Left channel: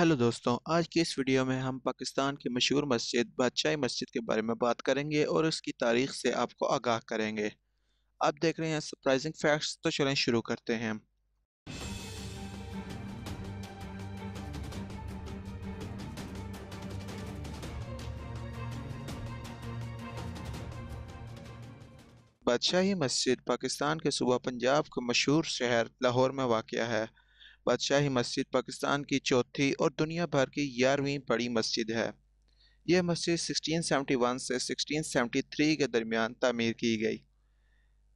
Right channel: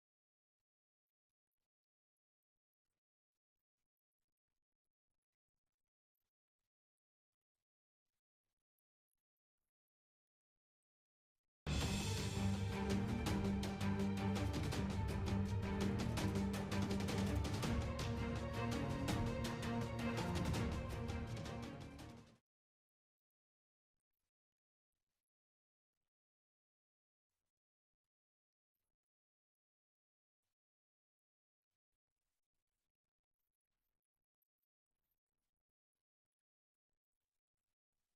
Hello दोस्तों, आज की इस वीडियो में हम पाकिस्तान की मशहूर मस्जिद बादशाही मस्जिद के बारे में बात करेंगे और उसकी तारीख से आपको आगाह करेंगे। आप देख रहे हैं सरप्राइजिंग फैक्ट्स, तो चलें शुरू करते हैं। बादशाही मस्जिद पाकिस्तान के सूबा पंजाब के मशहूर शहर लाहौर में वाक़या है। बादशाही मस्जिद पाकिस्तान की चौथी और दुनिया भर की 11वीं बड़ी मस्जिद है। यह मस्जिद 1671 से 1673 के दरमियान तामीर की गई।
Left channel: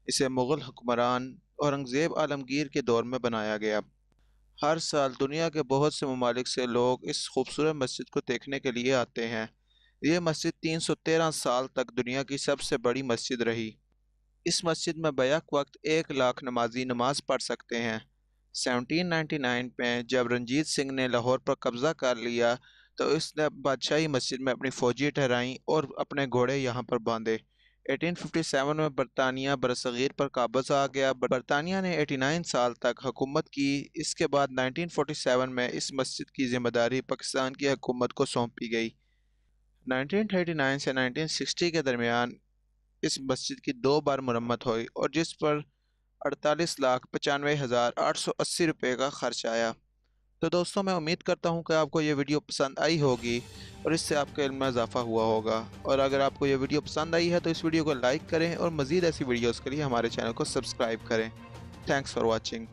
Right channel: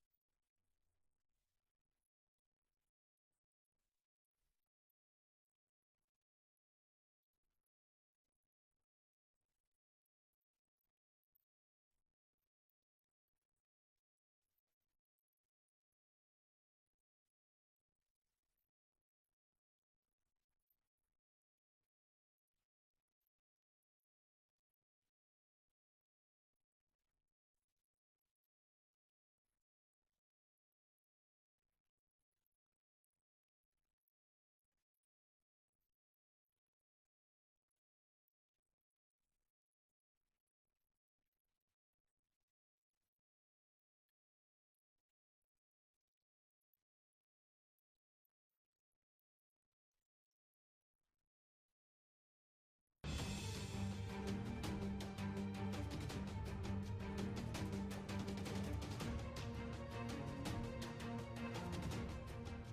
इसे मुग़ल हुक्मरान औरंगज़ेब आलमगीर के दौर में बनाया गया। हर साल दुनिया के बहुत से ममालिक से लोग इस खूबसूरत मस्जिद को देखने के लिए आते हैं। ये मस्जिद 313 साल तक दुनिया की सबसे बड़ी मस्जिद रही। इस मस्जिद में बैक वक्त 1 लाख नमाजी नमाज पढ़ सकते हैं। 1799 में जब रंजीत सिंह ने लाहौर पर कब्जा कर लिया तो इसने बादशाही मस्जिद में अपनी फौजी ठहराई और अपने घोड़े यहाँ पर बांधे। 1857 में बरतानिया बरसगीर पर काबज आ गया। बरतानिया ने 89 साल तक हुकूमत की। इसके बाद 1947 में इस मस्जिद की जिम्मेदारी पाकिस्तान की हुकूमत को सौंपी गई। 1939 से 1960 के दरमियान इस मस्जिद की 2 बार मरम्मत हुई और जिस पर 48,95,880 रुपये का खर्च आया। तो दोस्तों, मैं उम्मीद करता हूँ कि आपको ये वीडियो पसंद आई होगी और इससे आपके इल्म में इजाफा हुआ होगा। और अगर आपको ये वीडियो पसंद आई है तो इस वीडियो को लाइक करें और मज़ीद ऐसी वीडियोज़ के लिए हमारे चैनल को सब्सक्राइब करें। Thanks for watching.